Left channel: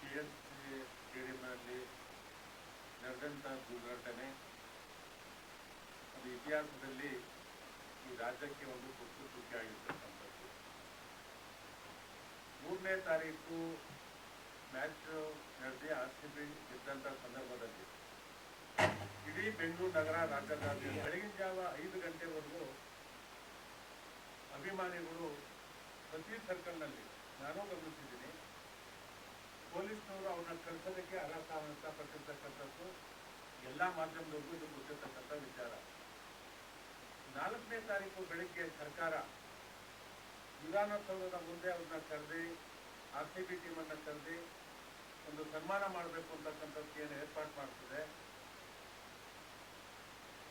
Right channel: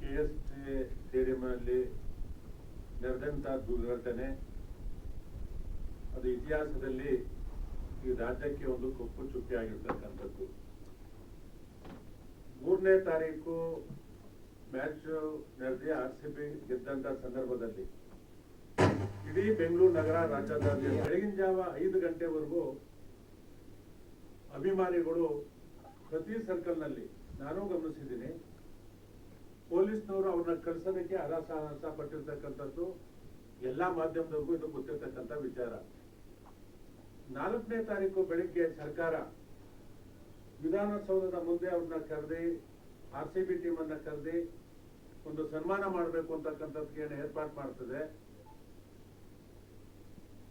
KSCA ಸ್ಟೇಡಿಯಂನಲ್ಲಿ ನಡೆದಂಥ ದುರ್ಘಟನೆ ಅದು ಇತಿಹಾಸದಲ್ಲಿ ಈ ರಾಜ್ಯಕ್ಕೆ ಒಂದು ತುಕ್ಕು ತುಕ್ಕಿಯಾಗಿರ್ತಕ್ಕಂಥದ್ದು. 3ನೇ ತಾರೀಕು ಮ್ಯಾಚ್ ನಡೆದಿ RCB ಗೆದ್ದಂಥ ಸಂದರ್ಭದಲ್ಲಿ ಇಡೀ ಬೆಂಗಳೂರು ನಗರ ರಾಜ್ಯದಲ್ಲಿ ಬೆಳಗಿನ ಜಾವ 5 ಗಂಟೆವರೆಗೂ ಅಭಿಮಾನಿಗಳು ಪ್ರತಿ ಸರ್ಕಲ್ನಲ್ಲಿ ನಾನು ಗಮನಿಸಿದ್ದೀನಿ, ಪೊಲೀಸ್ನವರು ಅವ್ರನ್ನ ಕಳಿಸೋದಕ್ಕೆ ಅಗಾಸಾಹಸ ಪಟ್ಟಿರ್ತಕ್ಕಂಥದ್ದು ಎಲ್ಲ ಮಾಧ್ಯಮದವರೆಗೂ ಇದು ಗೊತ್ತಿರ್ತಕ್ಕಂಥ ವಿಚಾರ. 4ನೇ ತಾರೀಕು ಬೆಳಿಗ್ಗೆ ಸರ್ಕಾರ ವಿಧಾನಸೌಧದ ಮುಂದೆ ಅವ್ರನ್ನ ಕರೆದಿ RCB ಟೀಮನ್ನು ಕರೆದಿ ಒಂದು ಸನ್ಮಾನ ಮಾಡಬೇಕು ಅಂತಕ್ಕಂಥದ್ದು ಏನು ಏರ್ಪಾಡು ಮಾಡ್ತದೆ.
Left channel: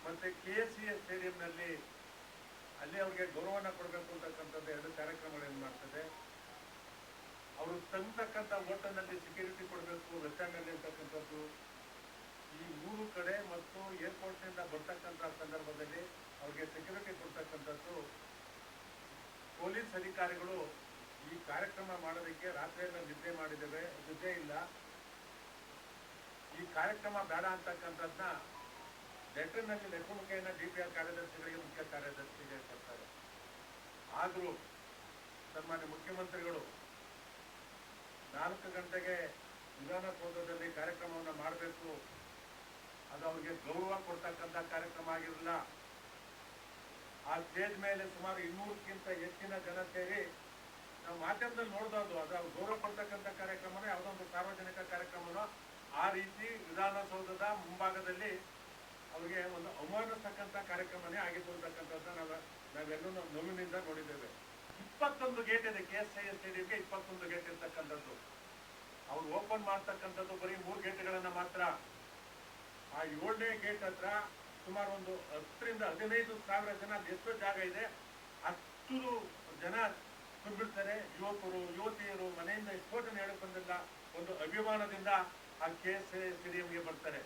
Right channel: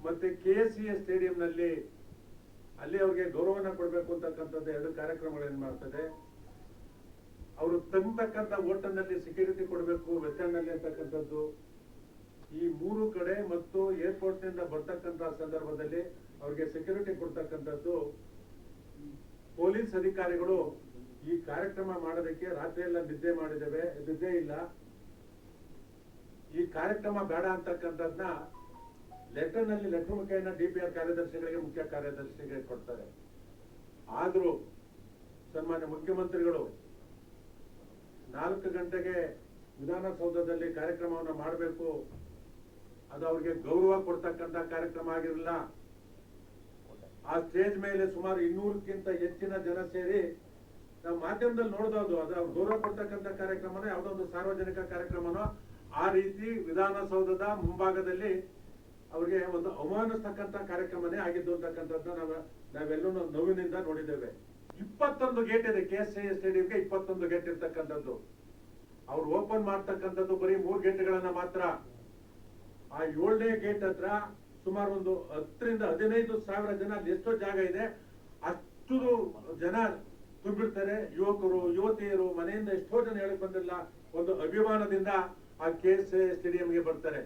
ಮತ್ತೆ KSCA ಸ್ಟೇಡಿಯಂನಲ್ಲಿ ಅಲ್ಲಿ ಅವ್ರಿಗೆ ಗೌರವನ ಕೊಡಬೇಕು ಅಂತಕ್ಕಂಥದ್ದು 2 ಕಾರ್ಯಕ್ರಮಗಳನ್ನು ಮಾಡ್ತದೆ. ಅವರು ತಂದತಕ್ಕಂಥ ಹೋಟೆಲ್ನಲ್ಲಿ ಸೆಕ್ಯೂರಿಟಿ ಕೊಡಬೇಕು, ರೆಸ್ಟೋರೆಂಟ್ನಲ್ಲಿ ಅಂತಕ್ಕಂಥದ್ದು ಈ 3 ಕಡೆ ಮತ್ತು ಏರ್ಪೋರ್ಟ್ನಿಂದ ಬರ್ತಕ್ಕಂಥ ಸಂದರ್ಭದಲ್ಲಿ ಅವ್ರಿಗೆ ಸೆಕ್ಯೂರಿಟಿ ಕೊಡ್ತಕ್ಕಂಥದ್ದು. ಪೊಲೀಸ್ ಅಧಿಕಾರಿಗಳು ಈ ಕಾರ್ಯಕ್ರಮ ಮಾಡೋದಕ್ಕೆ ರಾತ್ರಿ ಎಲ್ಲ ನಿದ್ದೆ ಇಲ್ಲ. ಈ ಕಾರ್ಯಕ್ರಮ ಬೇಡ ಅಂತಕ್ಕಂಥದ್ದನ್ನ ಲೆಟರ್ ಮುಖೇನ DPR ಕಾರ್ಯದರ್ಶಿಗಳಿಗೆ, ಮುಖ್ಯ ಕಾರ್ಯದರ್ಶಿಗಳಿಗೆ ಕೊಡ್ತಾರೆ. ಆದರೂ ಸನ್ಮಾನ್ಯ ಮುಖ್ಯಮಂತ್ರಿಗಳು 4 ಗಂಟೆಗೆ ವಿಧಾನಸೌಧದಲ್ಲಿ ಕಾರ್ಯಕ್ರಮವನ್ನು ಮಾಡಬೇಕು, ಅದು ಅವ್ರಿಗೆ ಗೌರವ ಕೊಡ್ತಕ್ಕಂಥ ಕಾರ್ಯಕ್ರಮ ಆಗಿರಲಿಲ್ಲ. ಆ ಸ್ಟೇಜ್ ಮೇಲೆ ಸುಮಾರು 200ಕ್ಕಿಂತ ಹೆಚ್ಚಿನ ಜನ ಸೇರಿ ನಾವು ಮಾಧ್ಯಮದಲ್ಲಿ ನೋಡ್ಬೋದು, ಅದು ಗೌರವ ಕೊಡ್ತಕ್ಕಂಥ ಕಾರ್ಯಕ್ರಮನೋ ಯಾವುದೋ ಒಂದು ಸಾರ್ವಜನಿಕ ಕಾರ್ಯಕ್ರಮನೋ ಆ ರೀತಿ ವಿಧಾನಸೌಧದ ಮುಂಭಾಗದಲ್ಲಿ ಅವ್ರಿಗೆ ಒಂದು ಅವಮಾನಿಸ್ತಕ್ಕಂಥ ಕಾರ್ಯಕ್ರಮನೇ ಆಗಿದ್ದು ಅಂತಕ್ಕಂಥದ್ದನ್ನ ನಾವೆಲ್ಲೂ ನೋವಿನಿಂದ ನೋಡಿದ್ದೇವೆ. 21 ಗೇಟ್ ಇದೆ KSCA ಸ್ಟೇಡಿಯಂಗೆ, 21 ಗೇಟ್ ಇರ್ತಕ್ಕಂಥದ್ದು. ಅವ್ರು ಓಪನ್ ಮಾಡ್ತಕ್ಕಂಥದ್ದು ಬರೀ 3 ಗೇಟ್ಗಳನ್ನ ಮಾತ್ರ. ಆ 7ನೇ ಗೇಟ್ ಹತ್ರ ಸುಮಾರು ಒಂದು 10 ರಿಂದ 15 ಸಾವಿರ ಜನ, ಎಷ್ಟೋ ಜಾಗ ಇದೆ ಅಷ್ಟು ಜನ ತುಂಬಿರ್ತಾರೆ. ಯುವಕರು ಯುವತಿಯರು ಮನೆಯಿಂದ ಎಷ್ಟೋ ಜನ ಹೇಳಕ್ ಬಂದಿಲ್ಲ, ಒಂದು ಅಭಿಮಾನದಿಂದ ಆ KSCA ಸ್ಟೇಡಿಯಂಗೆ ಬರ್ತಾರೆ.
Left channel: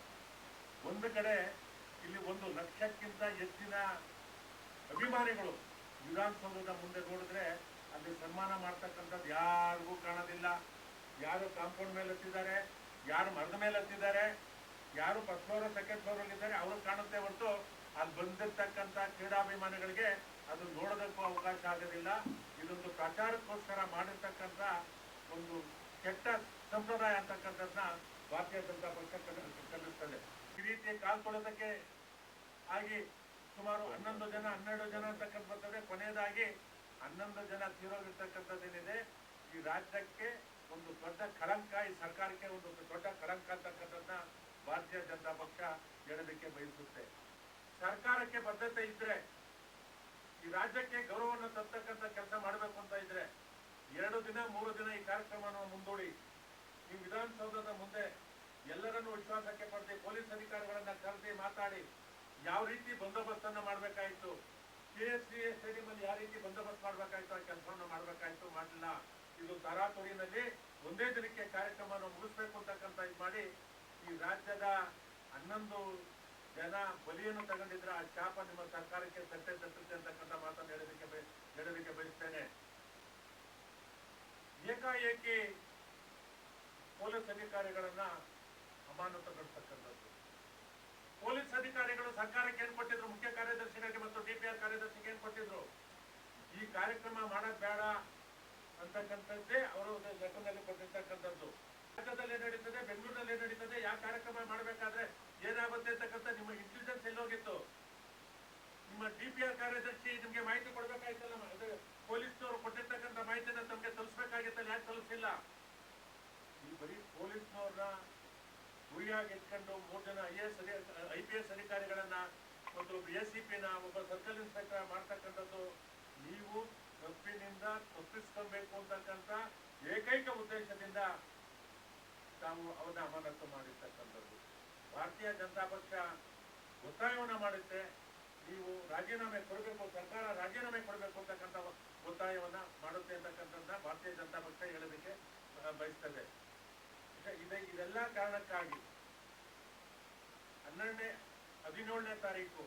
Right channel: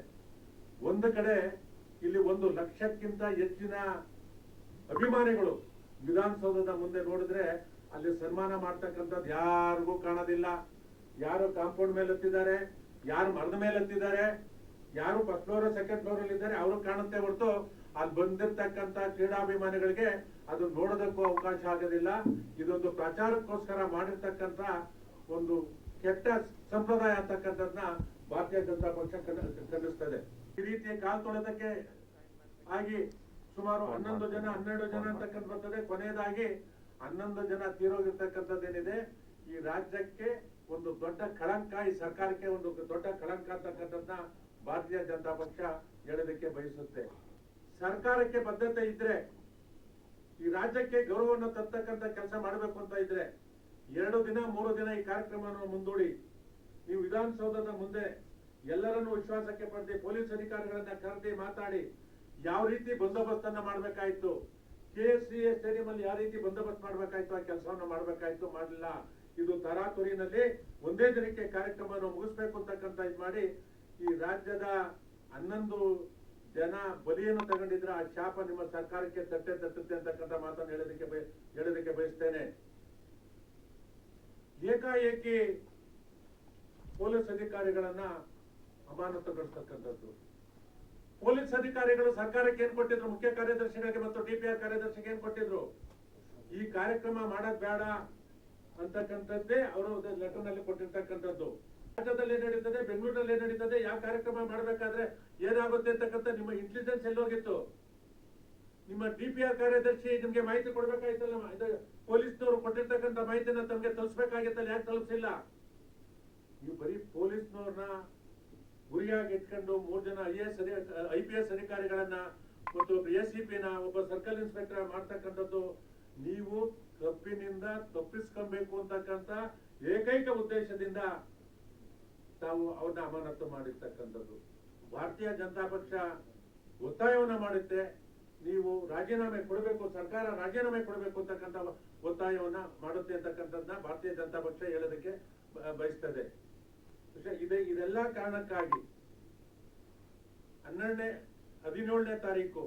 ಒಂದು ಕಡೆ ಇಲ್ಲಿ 1 ಲಕ್ಷಕ್ಕಿಂತ ಹೆಚ್ಚಿನ ಅಭಿಮಾನಿಗಳು ವಿಧಾನಸೌಧದ ಮುಂದೆ ನೋಡಿದ್ರೆ ಅಲ್ಲಿ ಸನ್ಮಾನ ಮಾಡ್ತಕ್ಕಂಥದ್ದು ಯಾರಿಗೂ ಕಾಣೋದಿಲ್ಲ. ಯಾರು ಕಾಂಪೌಂಡ್ ಮೇಲೆ ಹತ್ತಿದ್ದಾರೆ, ಯಾರು ಮರದ ಮೇಲೆ ಹತ್ತಿದ್ದಾರೆ, ಯಾರು ಫಸ್ಟ್ ಫ್ಲೋರ್ ಸೆಕೆಂಡ್ ಫ್ಲೋರ್ ಅಲ್ಲಿ ಇದ್ದಾರೆ ಅವರು ಕಾಣುತ್ತೆ ಹೊರತು ಅಲ್ಲಿ ಬಂದಿರ್ತಕ್ಕಂಥ ಕ್ರೀಡಾಭಿಮಾನಿಗಳಿಗೆ ಅದು ನೋಡೋದಕ್ಕೂ ಅವಕಾಶ ಆಗೋದಿಲ್ಲ. ಇದೊಂದು ಪ್ರಚಾರಕ್ಕೋಸ್ಕರ ಮಾಡಿರ್ತಕ್ಕಂಥ ಒಂದು ಕೆಟ್ಟ ಸಂಪ್ರದಾಯ ಅಂತಕ್ಕಂಥದ್ದನ್ನ ಭಾರತೀಯ ಜನತಾ ಪಕ್ಷ ಕಲಿಸ್ತದೆ. ಈ ರೀತಿಯ ಕಾಲ್ಕೊಳ್ಳೋದಕ್ಕೆ ಆಗಿ ಸುಮಾರು 11 ಜನ 12 ಜನ ಅಂತಕ್ಕಂಥ ಬರ್ತದೆ. ಕೊನೆಯದಾಗಿ 11 ಜನ ತೀರೋಗಿರ್ತಕ್ಕಂಥದ್ದೇನಿದೆ ಈ ರಾಜ್ಯಕ್ಕೆ ಒಂದು ದೊಡ್ಡ ಕಳಂಕ, ಈ ಸರ್ಕಾರಕ್ಕೆ ಒಂದು ದೊಡ್ಡ ಕಳಂಕ ಅಂತಕ್ಕಂಥದ್ದನ್ನ ಭಾರತೀಯ ಜನತಾ ಪಕ್ಷ ಹೇಳೋದಕ್ಕೆ ಬಯಸುತ್ತೆ. ಸರ್ಕಾರಕ್ಕೆ ಬದ್ಧತೆ ಇದ್ರೆ, ಈ ರಾಜ್ಯಕ್ಕೆ ಗೌರವವನ್ನು ತರ್ತಕ್ಕಂಥ ಕೆಲಸ ಮಾಡಬೇಕು ಅಂತ ಇದ್ರೆ 2 ದಿನ 3 ದಿನ ಈ ಕಾರ್ಯಕ್ರಮವನ್ನು ಮುಂದೂಡಿ ಈ ವಿಧಾನಸೌಧದ ಮುಂದೆ ಎಲ್ಲರನ್ನೂ ವಿಶ್ವಾಸಕ್ಕೆ ಪಡೆದು ಪೊಲೀಸ್ ಅಧಿಕಾರಿಗಳನ್ನ ಕರೆದಿ ಮಾತಾಡಿ ಯಾವ ರೀತಿ ಬಂದೋಬಸ್ತನ್ನ ಮಾಡಬೇಕಾಯ್ತು, KSCA ಸ್ಟೇಡಿಯಂ ಅಲ್ಲಿ ಯಾವ ರೀತಿ ಬಂದೋಬಸ್ತ್ ಮಾಡಬೇಕಾಯ್ತು ಆ ಕೆಲಸವನ್ನು ಮಾಡಬೇಕಾಯ್ತು, ಮಾಡಲಿಲ್ಲ. ಇದು ತರಾತುರಿನಲ್ಲಿ ಒಂದೇ ದಿನಕ್ಕೆ ಕಾರ್ಯಕ್ರಮವನ್ನು ಮುಗಿಸ್ಬೇಕು ಅಂತಕ್ಕಂಥ ಇದು ಮಾಡಿ ಈ ರಾಜ್ಯದ 11 ಜನ ಬಲಿಯನ್ನು ತಗೊಂಡಿದ್ರೆ ಆ ಶಾಪ ನಿಮ್ಮ ಸರ್ಕಾರಕ್ಕೆ ತಟ್ಟುತ್ತೆ ಅಂತಕ್ಕಂಥ ಮಾತನ್ನು ಹೇಳೋದಕ್ಕೆ ಬಯಸ್ತೇನೆ. ಏಕಾಏಕಿ ಪೊಲೀಸ್ ಅಧಿಕಾರಿಗಳನ್ನ ಅಮಾನತುಗೊಳಿಸ್ತಕ್ಕಂಥದ್ದು. ಪೊಲೀಸ್ ಅಧಿಕಾರಿಗಳು ಸರ್ಕಾರಕ್ಕೆ ಏನ್ ಕೊಟ್ಟಿದ್ರು, ಮುಖ್ಯ ಕಾರ್ಯದರ್ಶಿಗಳಿಗೆ ಮತ್ತು DPR ಕಾರ್ಯದರ್ಶಿಗೆ ಏನ್ ಕೊಟ್ಟಿದ್ರು, ಈ ಕಾರ್ಯಕ್ರಮ ಮಾಡೋದ್ ಬೇಡ ಅಂತಕ್ಕಂಥದ್ದೇ ಅವರು ಲೆಟರ್ ನಲ್ಲಿ ಕೊಟ್ಟಿರ್ತಕ್ಕಂಥದ್ದು. ರಾಜ್ಯದಲ್ಲಿ ಏನ್ ನಡೀತದೆ, ಬೆಂಗಳೂರಲ್ಲಿ ಏನ್ ನಡೀತದೆ, ಯಾವ ಕಾರ್ಯಕ್ರಮ ಮಾಡಬೇಕಾದ್ರೆ ಏನಾಗುತ್ತೆ ಅಂತಕ್ಕಂಥ ನಿಮ್ಮ ಇಂಟೆಲಿಜೆನ್ಸ್ ಎಲ್ಲೋಗಿತ್ತು? ನಿಮ್ಮ DPR ಕಾರ್ಯದರ್ಶಿ ನಿಮ್ಗೆ ಮಾಹಿತಿ ಕೊಡ್ಬೇಕಾಯ್ತಲ್ಲ, ಪೊಲೀಸ್ನವರು ಕೊಟ್ಟಿರ್ತಕ್ಕಂಥ ಮಾಹಿತಿನ ತಮ್ಗೆ ತಲುಪಿಸಬೇಕಾಗಿತ್ತಲ್ಲ, ಯಾಕೆ ತಲುಪಿಸಿಲ್ಲ? ಈ ಬರೀ ಪೊಲೀಸ್ನವ್ರನ್ನ ಗುರಿಯಾಗಿ ಇಟ್ಕೊಂಡು 3 ಜನ IPS ಅಧಿಕಾರಿಗಳನ್ನ ಮತ್ತು ಒಬ್ಬ ACP ನ ಒಬ್ಬ ಸರ್ಕಲ್ ಇನ್ಸ್ಪೆಕ್ಟರ್ ಮಾಡ್ತಕ್ಕಂಥದ್ದು ನೀವು ತಪ್ಪಿನಿಂದ ತಪ್ಪಿಸ್ಕೊಬೇಕು ಅಂತಕ್ಕಂಥ ಏಕೈಕ ಉದ್ದೇಶದಿಂದ ತಾವು ಅವ್ರನ್ನ ಅಮಾನತು ಮಾಡಿರ್ತಕ್ಕಂಥದ್ದು. ಭಾರತೀಯ ಜನತಾ ಪಕ್ಷ ಒತ್ತಾಯವನ್ನ ಮಾಡುತ್ತೆ, ನೀವು ರಾಜೀನಾಮೆ ಕೊಡಬೇಕು, ಸರ್ಕಾರ ರಾಜೀನಾಮೆ ಕೊಡಬೇಕು ಅಂತಕ್ಕಂಥ ಒತ್ತಾಯವನ್ನ ಮಾಡುತ್ತೆ ಅಂತಕ್ಕಂಥದ್ದನ್ನ ಭಾರತೀಯ ಜನತಾ ಪಕ್ಷ ಹೇಳೋದಕ್ಕೆ ಬಯಸ್ತದೆ. ಇದೆಲ್ಲ ಕಾರಣಕ್ಕಾಗಿ 17ನೇ ತಾರೀಕು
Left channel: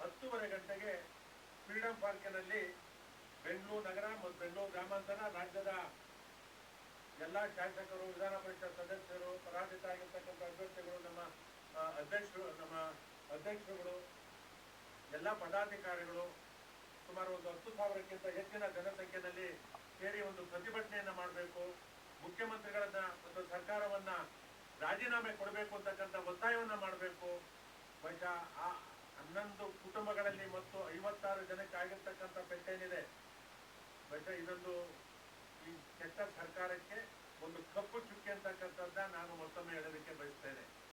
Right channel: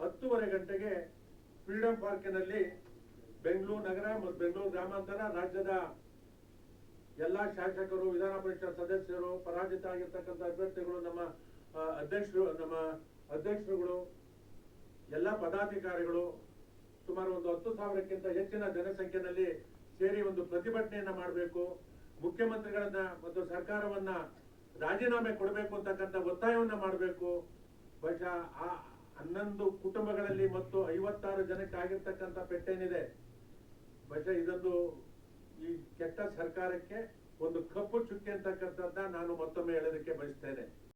10:30 ಗಂಟೆಗೆ ಫ್ರೀಡಂ ಪಾರ್ಕಿನಲ್ಲಿ ಬೆಂಗಳೂರು ನಗರ ಮತ್ತು ಬೆಂಗಳೂರು ಗ್ರಾಮಾಂತರ ರಾಜ್ಯದ ಎಲ್ಲ ಶಾಸಕರು, ವಿಧಾನ ಪರಿಷತ್ ಸದಸ್ಯರು, ಪರಾಜಿತ ಆಗಿರ್ತಕ್ಕಂಥ ಅಭ್ಯರ್ಥಿಗಳು, ನಮ್ಮ ಅಧ್ಯಕ್ಷರುಗಳು, ಎಲ್ಲ ಪದಾಧಿಕಾರಿಗಳು ಸುಮಾರು ಒಂದು 10,000ಕ್ಕಿಂತ ಹೆಚ್ಚಿನ ಜನಸಂಖ್ಯೆಯಲ್ಲಿ ಸೇರಿ ಒಂದು ಪ್ರತಿಭಟನೆಯನ್ನ ಮಾಡಬೇಕು. ಮುಖ್ಯಮಂತ್ರಿಗಳನ್ನ ಮತ್ತು ಸರ್ಕಾರವನ್ನ ರಾಜೀನಾಮೆ ಕೊಡಬೇಕು ಅಂತಕ್ಕಂಥ ಒತ್ತಾಯವನ್ನ ಮಾಡಬೇಕು. ಬಹುಶಃ ಆ 11 ಕುಟುಂಬಗಳಲ್ಲಿ ಮತ್ತು 56 ಜನಕ್ಕೆ ಆಗಿರ್ತಕ್ಕಂಥ ಪೆಟ್ಟೇನಿದೆ, ಬಹುಶಃ ಇದೊಂದು ಈ ಕೆಟ್ಟ ಸರ್ಕಾರಕ್ಕೆ ಒಂದು ಕಪ್ಪು ಚುಕ್ಕೆ ಅಂತಕ್ಕಂಥದ್ದನ್ನ ನಾನು ಮತ್ತೊಮ್ಮೆ ಹೇಳೋದಕ್ಕೆ ಬಯಸ್ತೇನೆ.